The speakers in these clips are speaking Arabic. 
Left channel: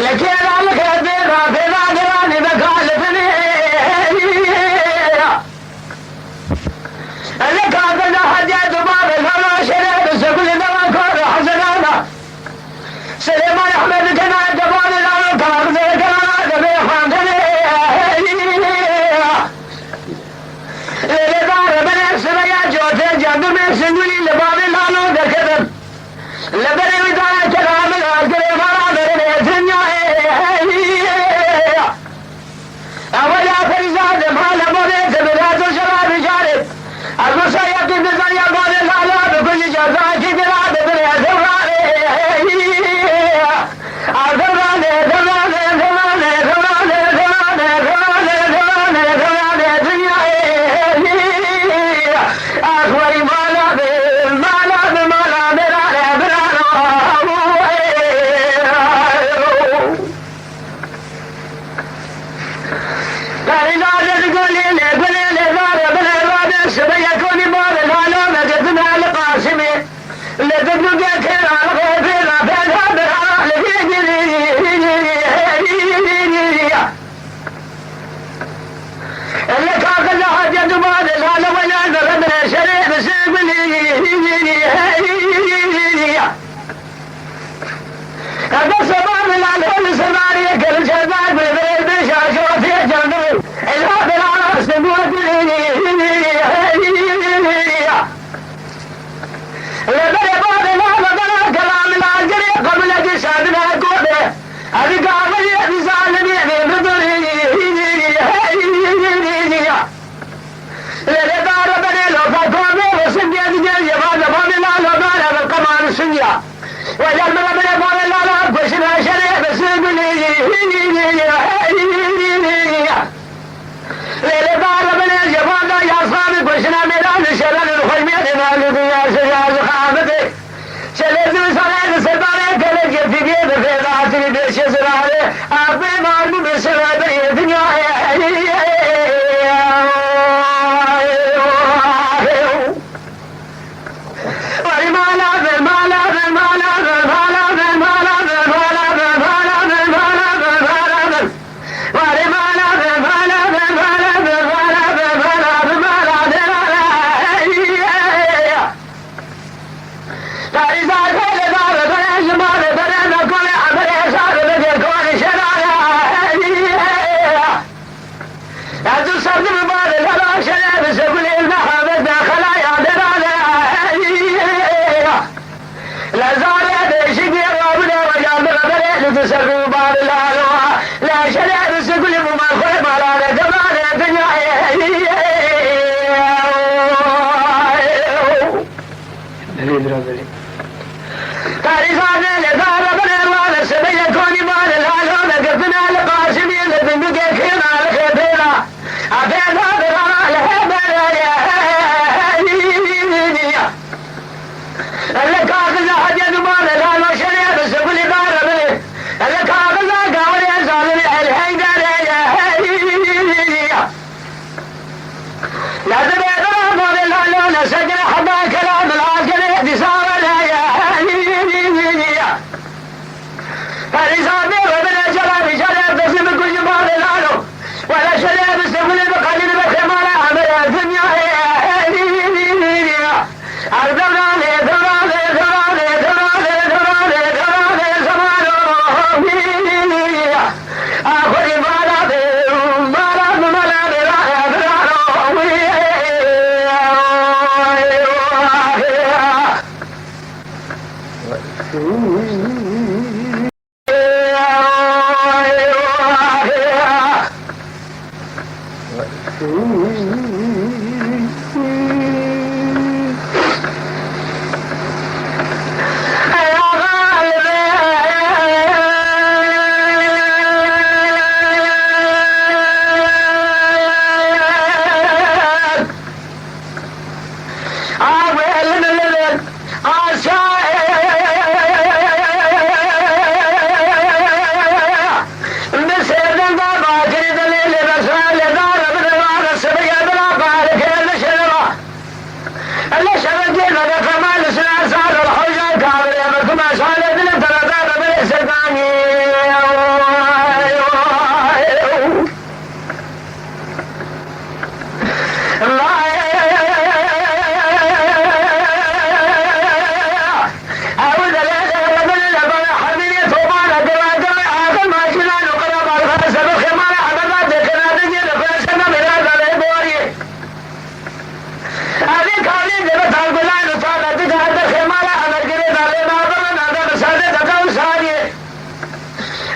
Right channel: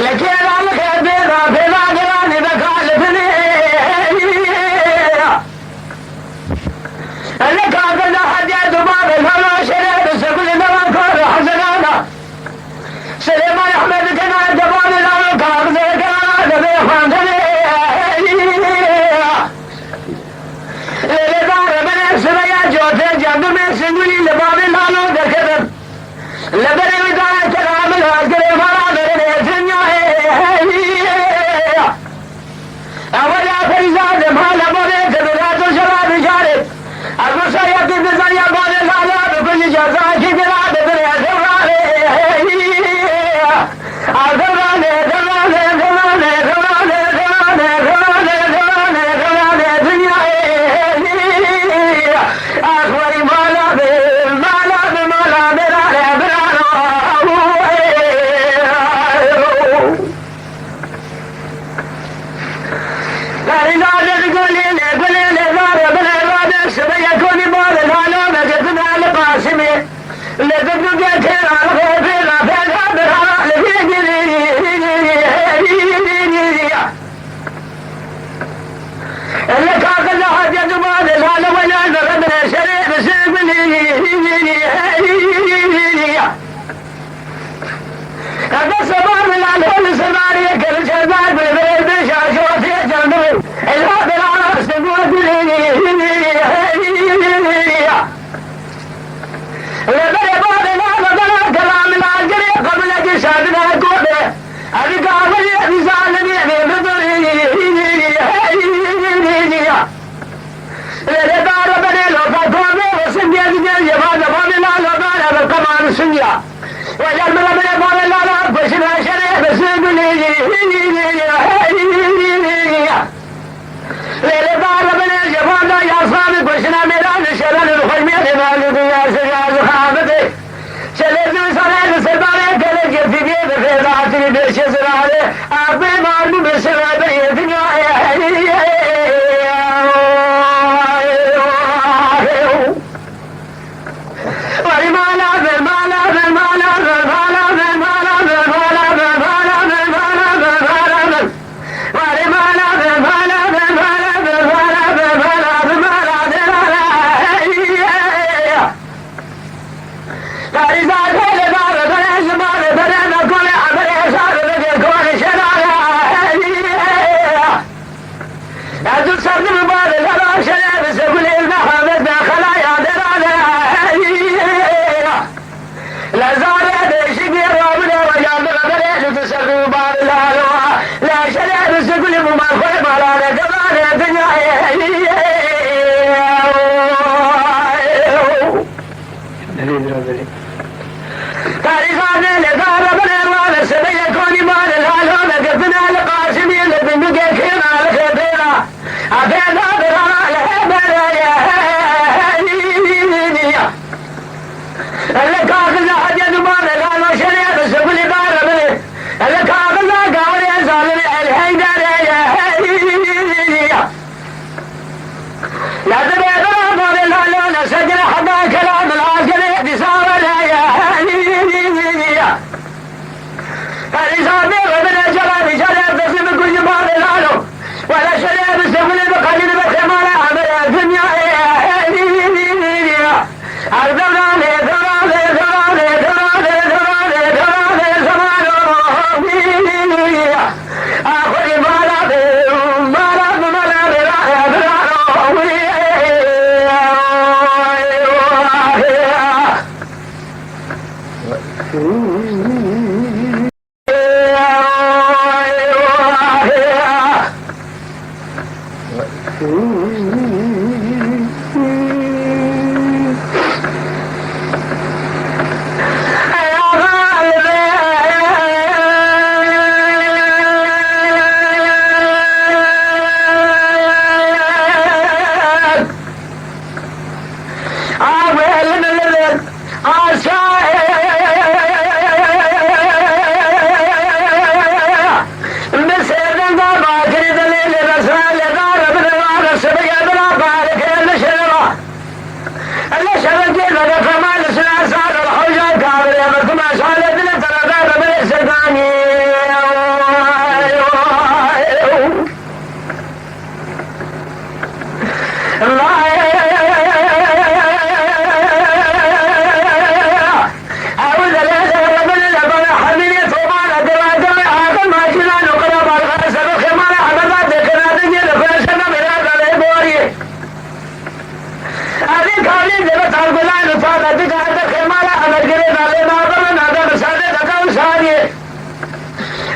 لكن لبني وداعي كلام الأسكر المرامر الدنيا أولا فرزاد مهلا مريت بلاد الشباب شارب المسيح بزي البال الأعلام بكل جزاك بلاد بلاد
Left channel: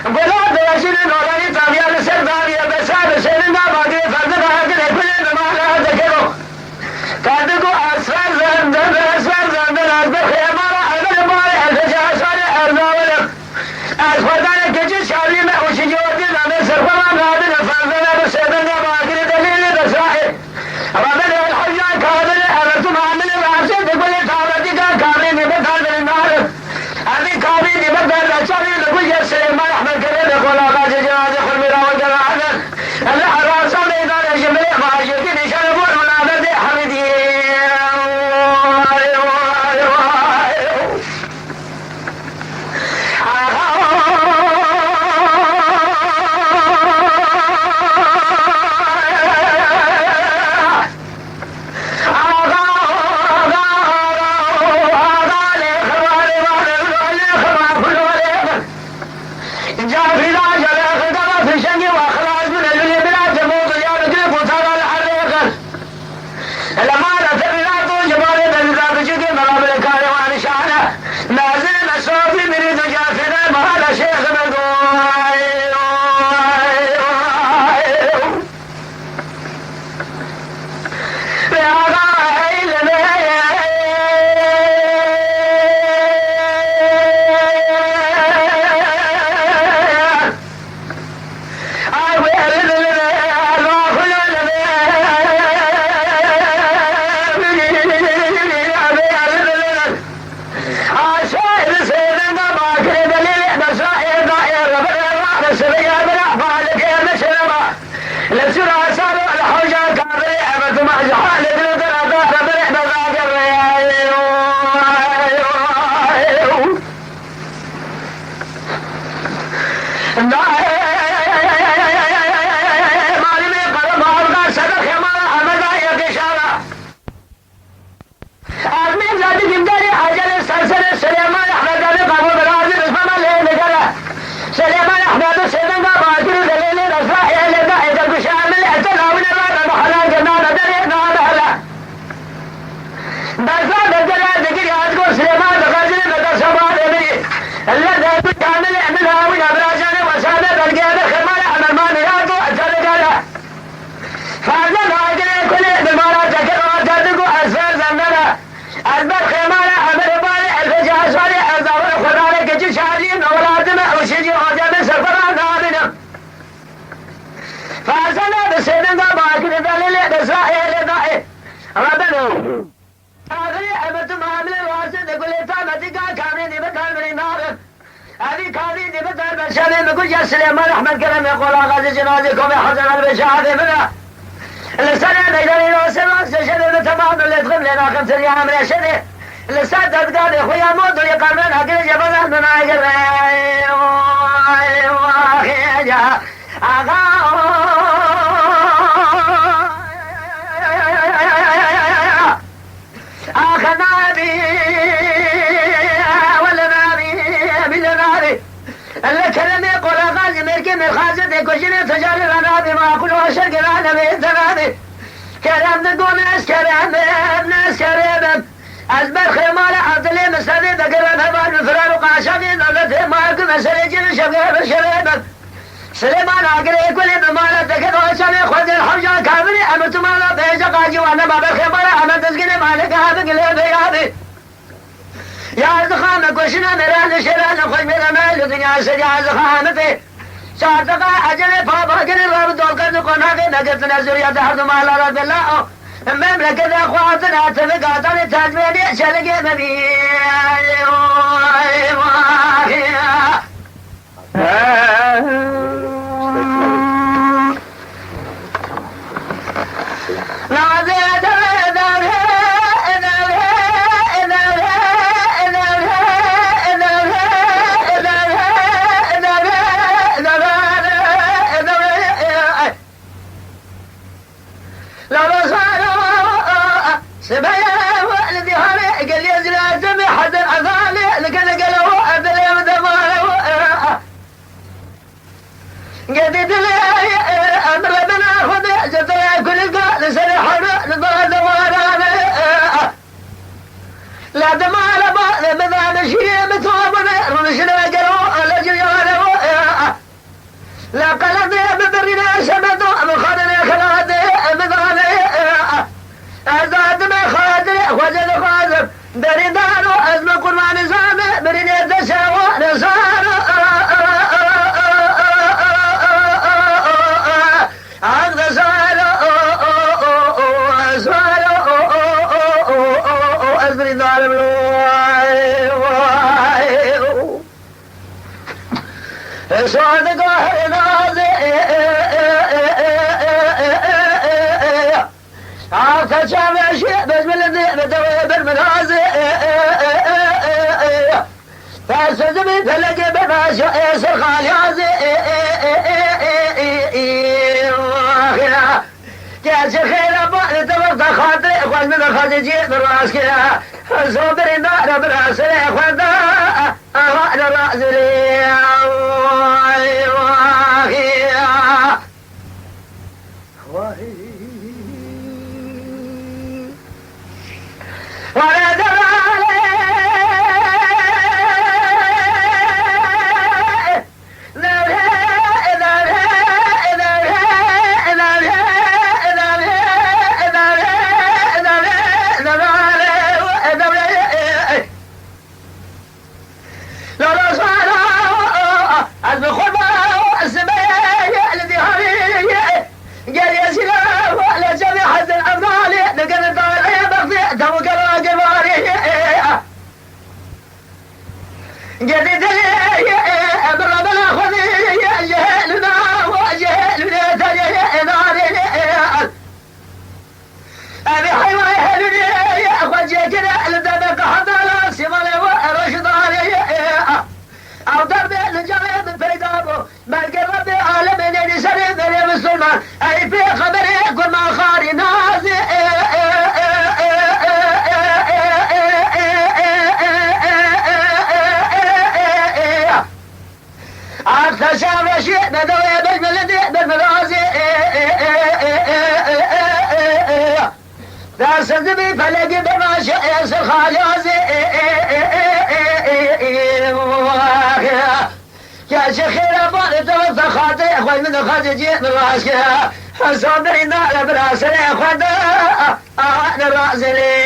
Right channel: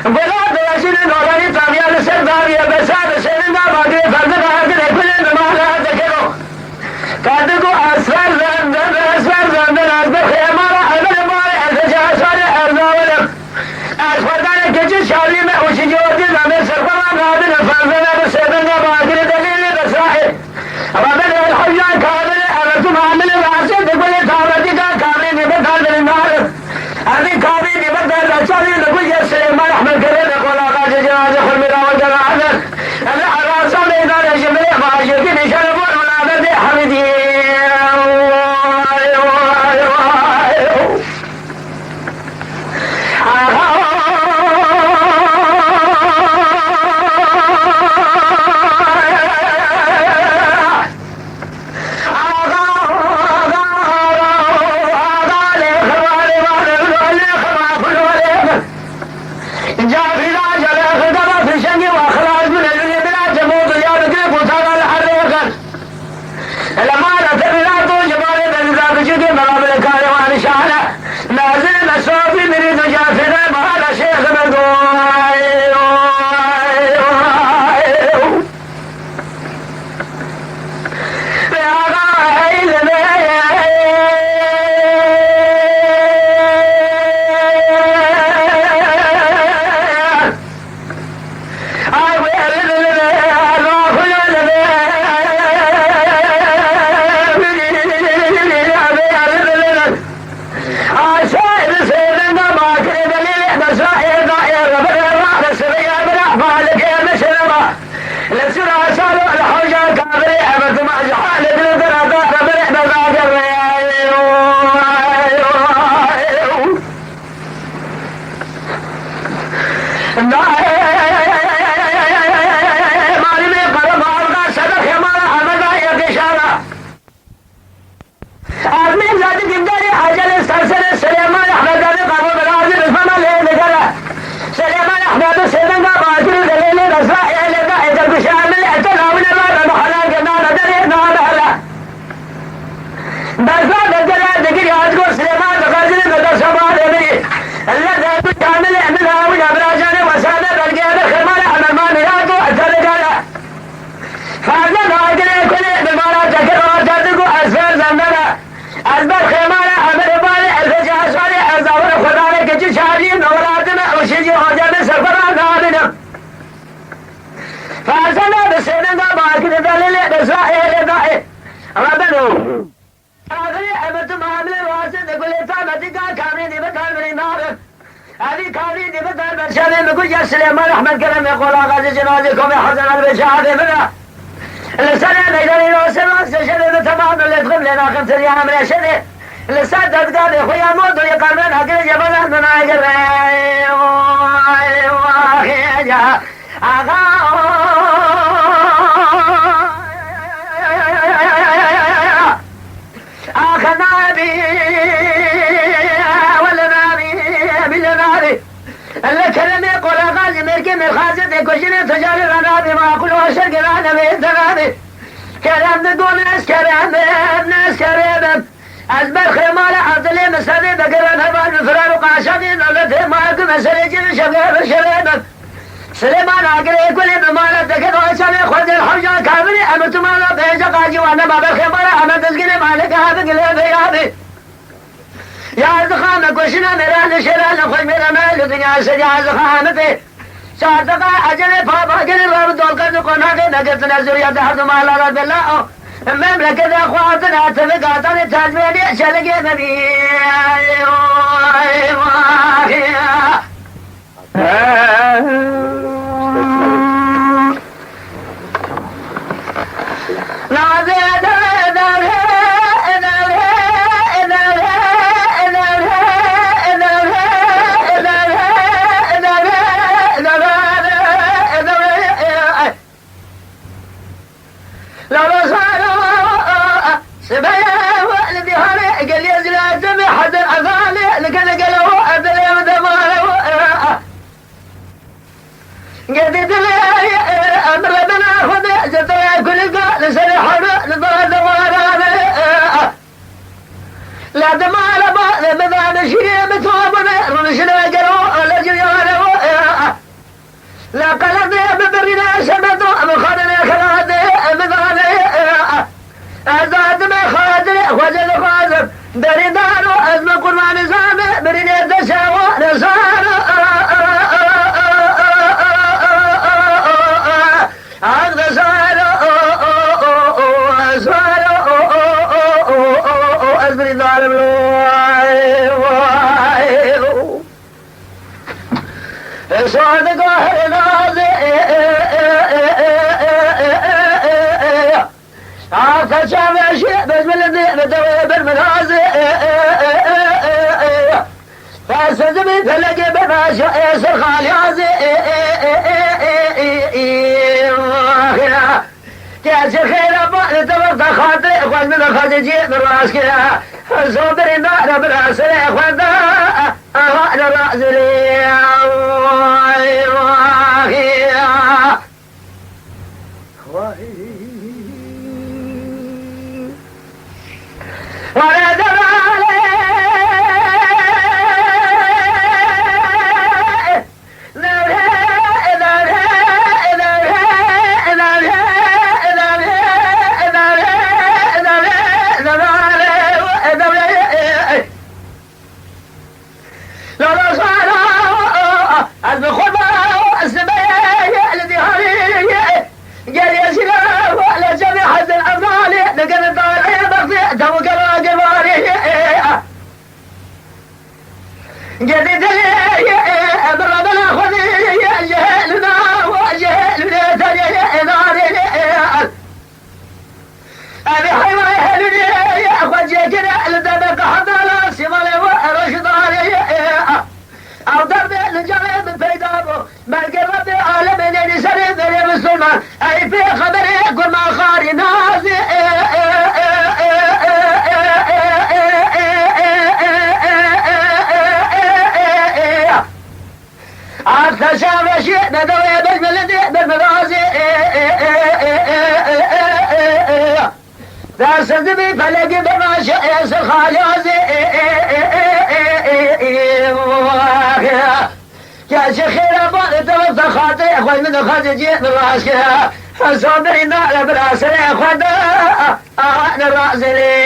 بلاد رسول نورانی تابعه سرداری بسار سرنا باقی فرد راهد کل نمالا ذکرو کادگو اسفر زندن از بخیمارا اول مال ارتجاع سال ارزاولم از خدای کچی شالی میں اوشی جوتی زمین سرفما قادر فرزنا بسرنا باقی دلیل بسائر رابط الحجان قادر ارتم عامل راسل دکل تابعی کا کامری نبتار دلنار ابھی کامری نبتار رچالی لکل جسر ما رحمت کرے دقل آقا جناز خلمی راول جنازر اللہ راسل ایدان جمعی معاشر کی نشان بول منادر دے حمیدی سليمان احمد كلام يقول غازي جنازكم يا حسن البشاهد بنا لسنة نقدر نوصل سجل بتمام اللي تغم لنا 5 ايام من الشدة لسنة تقال يا خويا موت ويقال حقل جبل من عجل اخذنا بي ولا نابي بالنابي الكلام يقول غازي مركي من خازن كوشين تجاري غنابي ما اقول وشرق رانا بيتنابي كلام نقول ناس كريم ازبر خمالة عطلي مسادي بقرن هبان فرار وقاشاني نولده ماكو مسرجين شباب شريم سليمان عقلي كل بمالا تكد وشاني خذ الحوجة كامري امرت مالا بيجا قاجي وانا باب الخمالة انا تسقيني مالك هذا قلي بيابي يا زخانة كوشنا مران شران خوش میرا مال دنیا سے يا زخانتي صادقا اجل بابا قل رب دولقد قناق نقت نزر يا دهر مال رب الله مملكة اخواتنا تفقاتنا تجميل شلق نبي صادق نازي عاقل شاب شيء بس من الدين دوي بالمنازي فاسدني فلقي بما شاء يسر خاليازي جالس خير ابوي تبقى خاطري اخوان من خارجي من راسك صوبري نار براسي اخوان انا راسي صدبي فلقي بما شاء يسر خاليازي يا شيخي ابوي توفى خاطي اخوي من خارجي من راسك صابري نار براسي اخوي انا راسي لي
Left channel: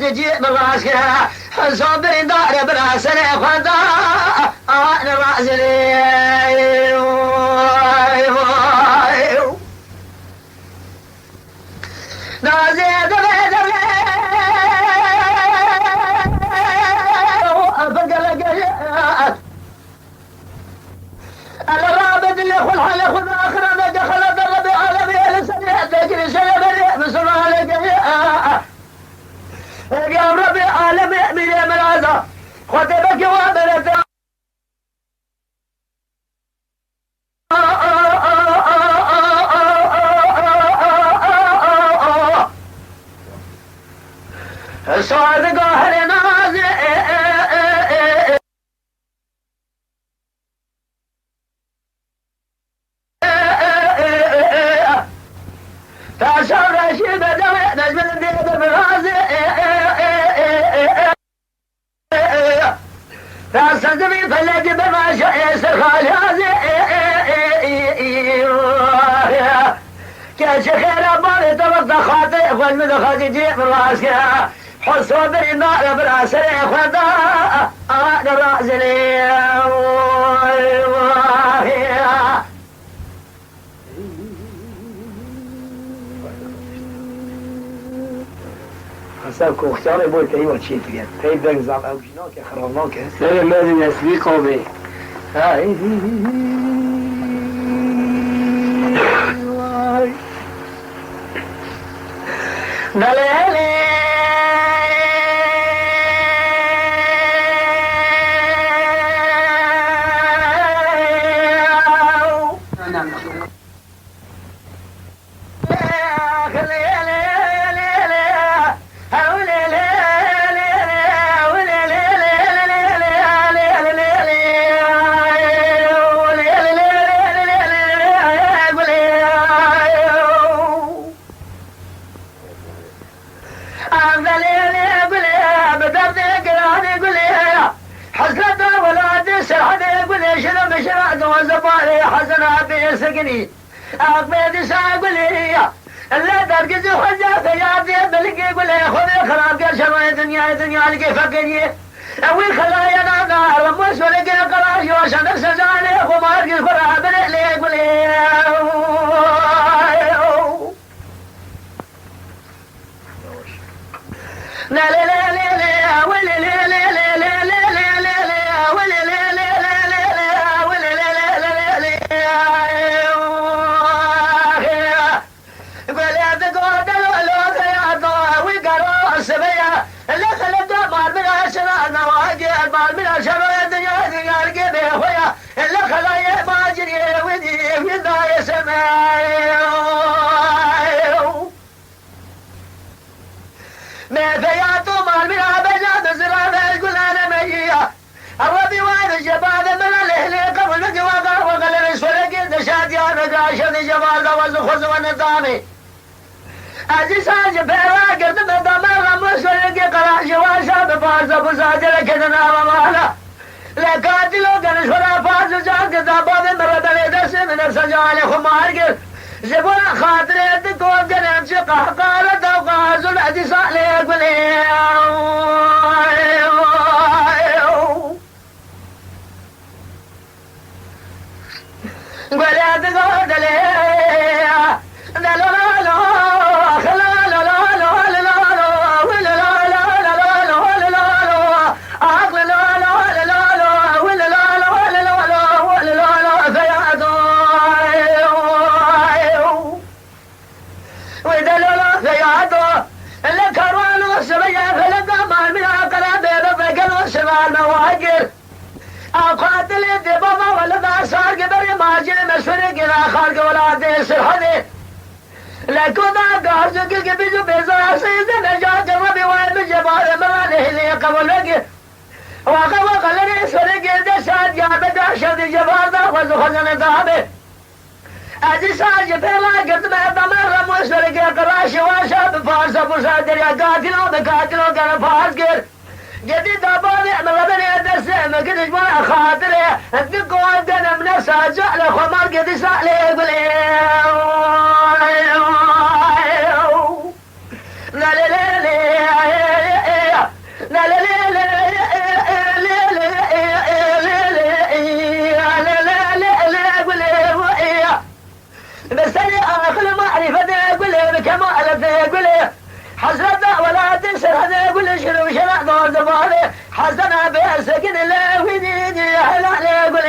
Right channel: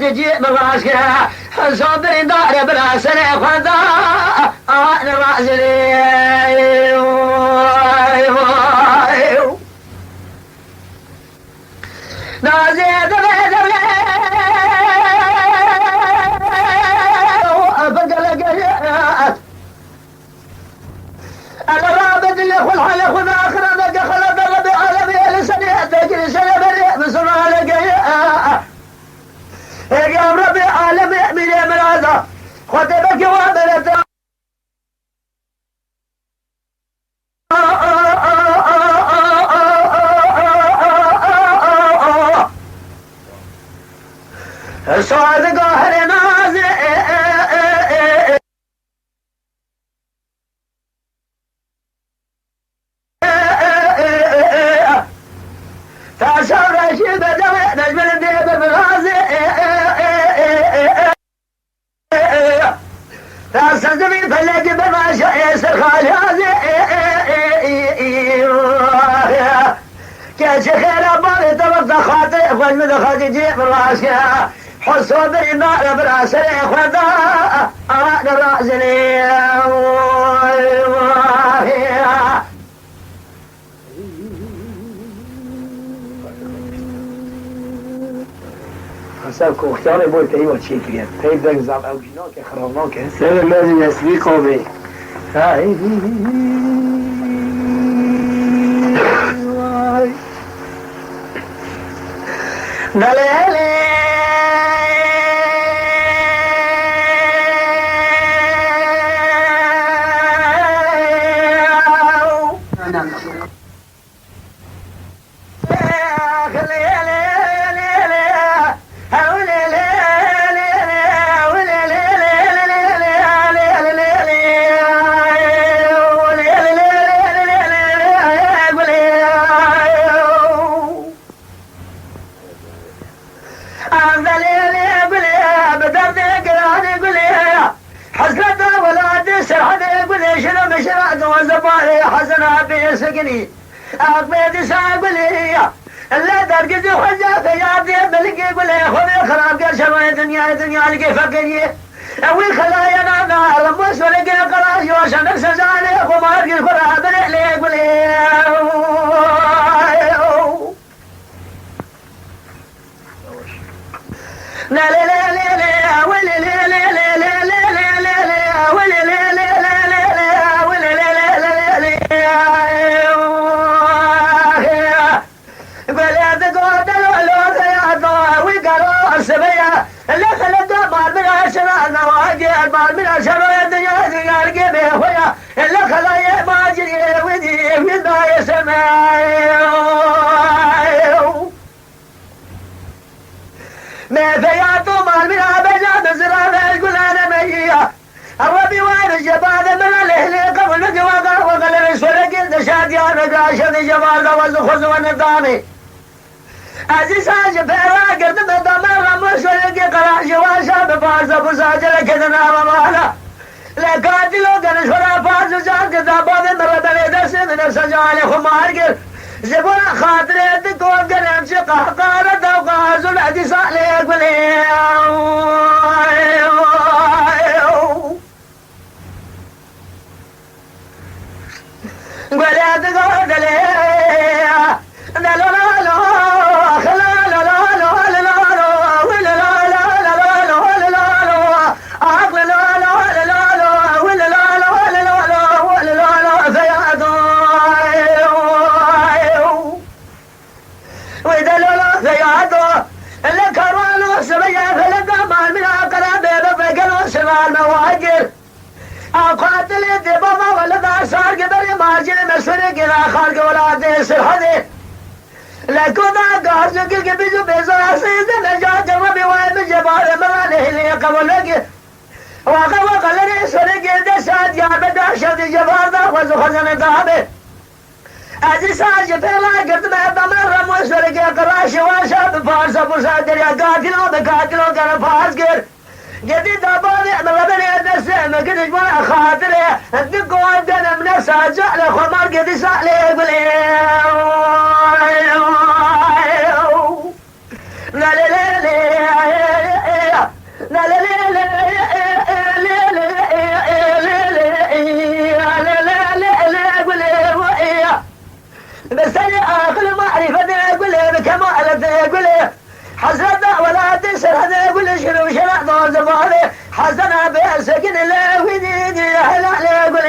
خارجي من راسك صابري نار براسي اخوان انا راسي لي نازي الرابط اللي اخو الحلق والاخر ما دخل ضرب عالمي لسنه تجري سنه بسرعه لقيا يا ربي عالمي من هذا خطبك وامرت صادق اهل نازل شخير أبالي طبق خاطئ خوش مدخل جيب من راسك حصوا بالنار براسي خدا راسني حسابكم اختاري بول تيوه تشيفيا تيد دك زعم او جنوك خربناك هذا لازم يسبيقوا به. هاي دلالي سقني أقبل ساقلي لا درجة حجة فيادي بلقي قولي خذي خراب قرشة دنيا لقي فقني أوي خلايا نانا لمس ولقي قراش وشان سزاني خمار قل خراب لي قولي لا لا لا لا لا ولا لا لا لا لا لا لا لا ولا لا لا لا لا ولا لا لا لا لا اللي خلد مال من عشرة نواقع مال من عشرة الدنيا القيمة خويا اللي خلايا ما جري ودي من ذا يسمع ما فياتو مال من عبجة بزرابة يقول أنا مية الربي وين الجبال من الهلي قبل قواقع وقال رسولك إذا شاد يا نقاشة الجبال والخز والنظامي عزيز حاجة بيرا قرد مدامر مسولك قراش واشاب فارس ابو ساجر كدنا ومالا لكاتلو قرش ولا فارس جان كتابات مرد اليدس من السجال خمار زبون خاطر تكون قرم شقه قارة وقاز العزيز عليك قولي تقول دليا قاتل الدبابة ولا صار قبل ماجل مسوري قلا خالق ولا ديس الحدي لكونا قارج قل قبيزو بيزا سيزن نجا قربي وين الجبال مرانه اللي قبل لقي وقال لي سوري قل دسات يا بدا شد الجبال دا وزو خزن دابي أجي ساج فيلا قرد ما بمر مسوري قل قراش واشاب فارس ابو ساقر يا قاتلو بقاتلو قل فارس قل جدي داباني مربني أدسه ما كنتش ما خاطري أدق وعندنا من ساجع خمار قدي سالي يقولي لا لا لا لا لا لا لا بس أنا آخر معرفة يقول لي بكمال يقول لي حسرة ولا تنسر هذا يقول شنو شرع دور زماني حسنا بسكن الله وديني هلا لا يقول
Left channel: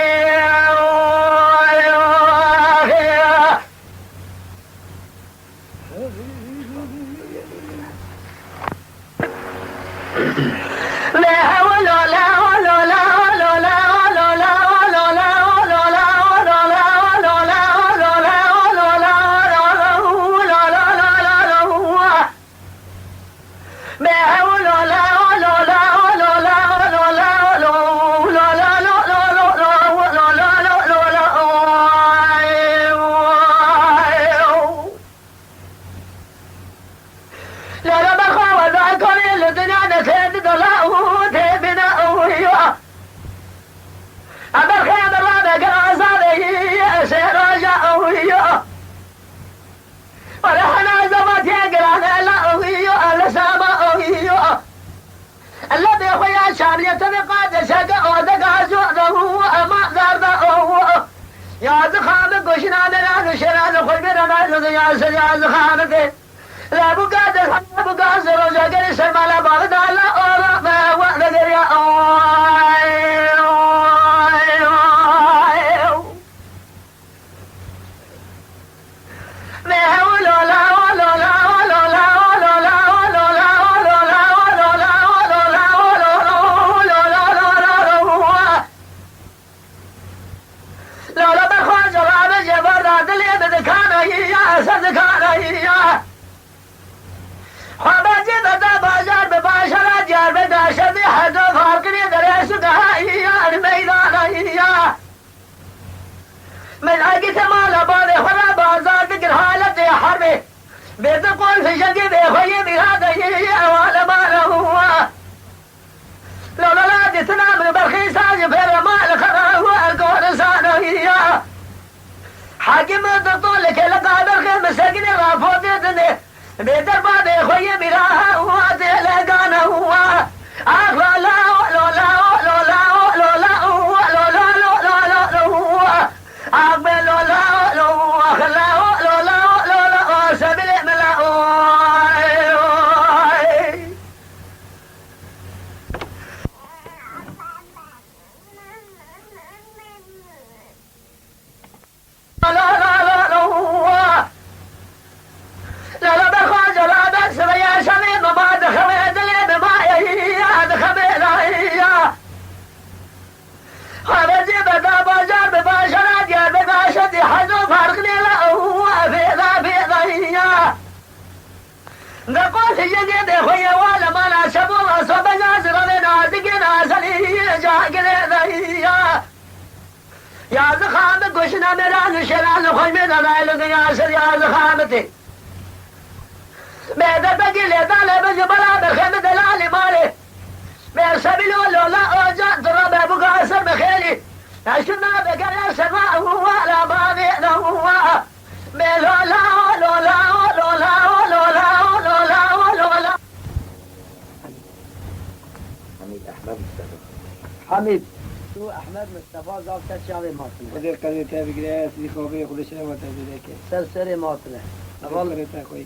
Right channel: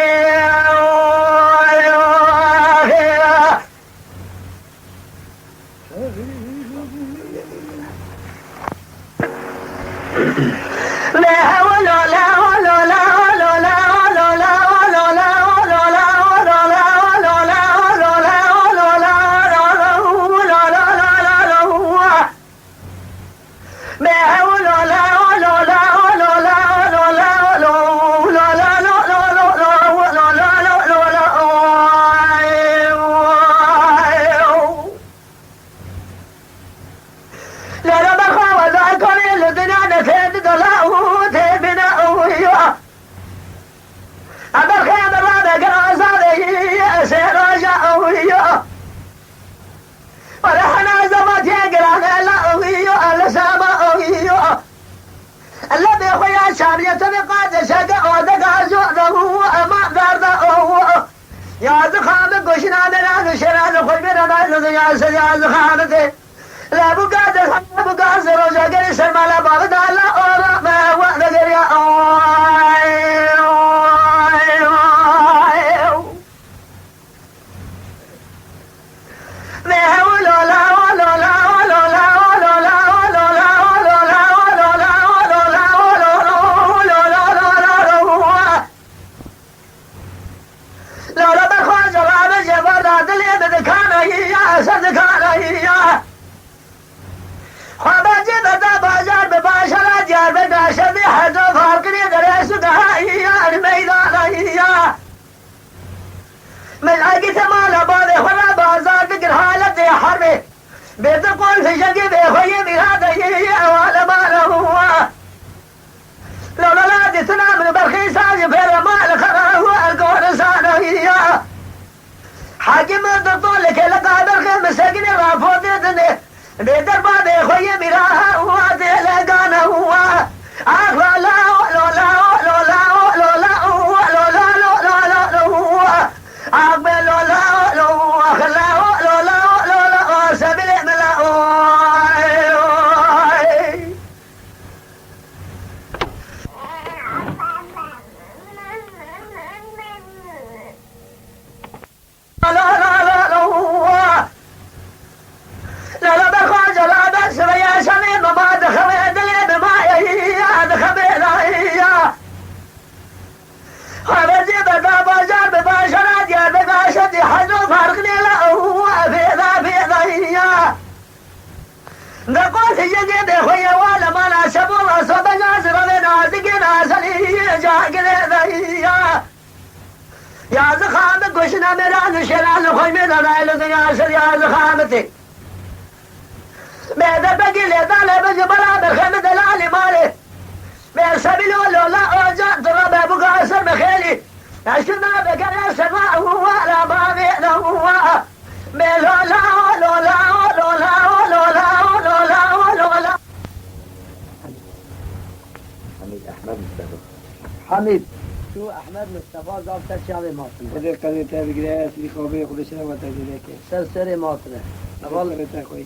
لا حول ولا حول ولا حول ولا حول ولا حول ولا حول ولا حول ولا حول ولا حول ولا حول ولا حول ولا حول ولا كشنا دلال شرال خوي برمال دنيا سجاز خانته لا بقادر لا بقادر رجع سرمالا بغداد لا أورا ما وقت يا ملعقة مالا باري خلا بازار بقر حالتي حربي بتقول في شقي بخوي بهذا ولا مالا هو لولا لا جتنا من برخيص عجبير مال خرا هو القول سانوية حاكم الدطول لك لقى برخي مساقين رافوت دني بيتر بادي خوي بها هو تلقانا هو أخلا لا نقول في جديد خويا ولا ما لا شبوه صوب نازر لنا دقنا سليه جاء يا زخامة قشنا مران شلال خوي من العيل يا زخامتي بيدا بقي لي دالي بقي بلا بخيم دلالي مالي بيرسبي لا أرجع ترى بقى أسر بخيلي عشنا بقى سماء هو لا ما بينا هو حميد شو احمد مصطفى زاب تشاوي ماطله خذ قضية بقراءة في خوبي خذ شنو ما تقولك سرسري ماطله والله انت كويس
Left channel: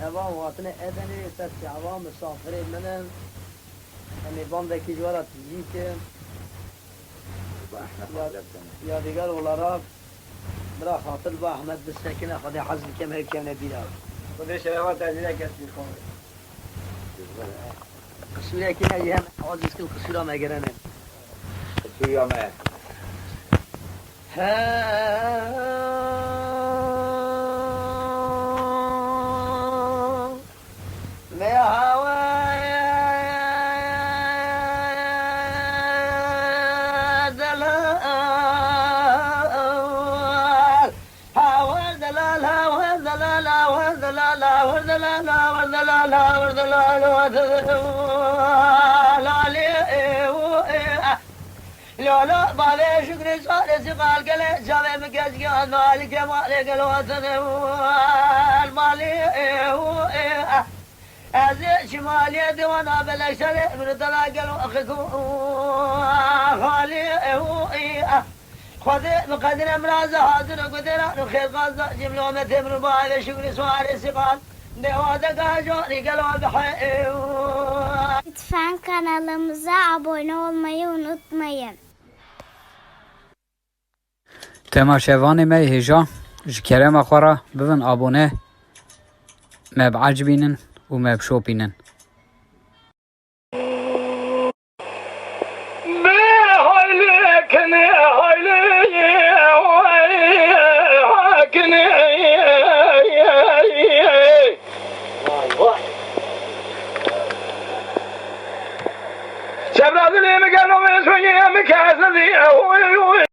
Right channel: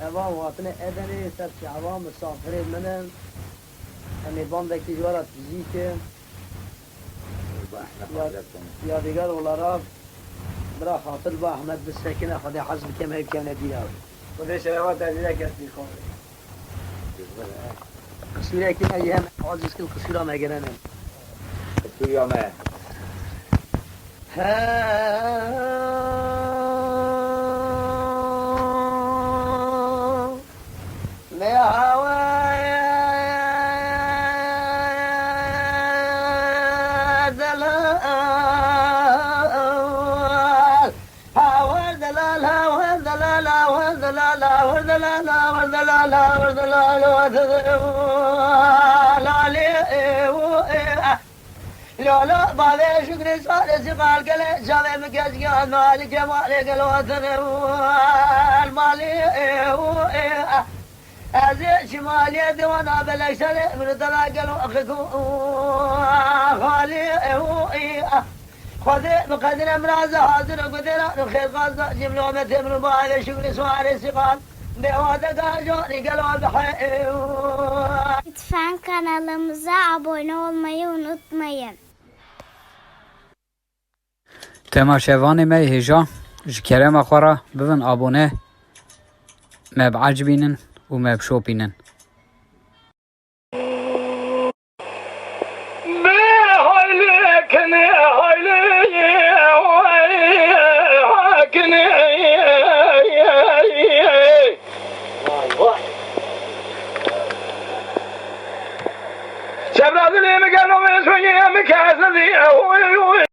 عوام ماطله ادري سرسي عوام مسافرين منن يعني باندك جوارات تجيك يا دیگر ولارا برا خاطر با احمد بالسكينة خذي حزم كما كان بيها خذ شنو ما تقولك في خوبي قصيرة كنا ايام عاجز كل قصيرة ما قرنا قصيرة ما لا بعد شكر صار سقال كله جاب مكاس كان مالك مالك الوطن المالي هذا شمالي دوانا بالأكثر من تلاقي أخيكم خالي خذ مقدر امراض حاضر قدر خير قصد جملة مثل بعد شكر صار سقال دوانا كاجوري قالوا بحي Lütfen kanalımıza abone olmayı unutmayın. تماشاوان ما هجا جكرم أخورا بفن أبونه ما بعجبينن وما بشوبينن شباب اللي مكانهم يسوي مكاسدي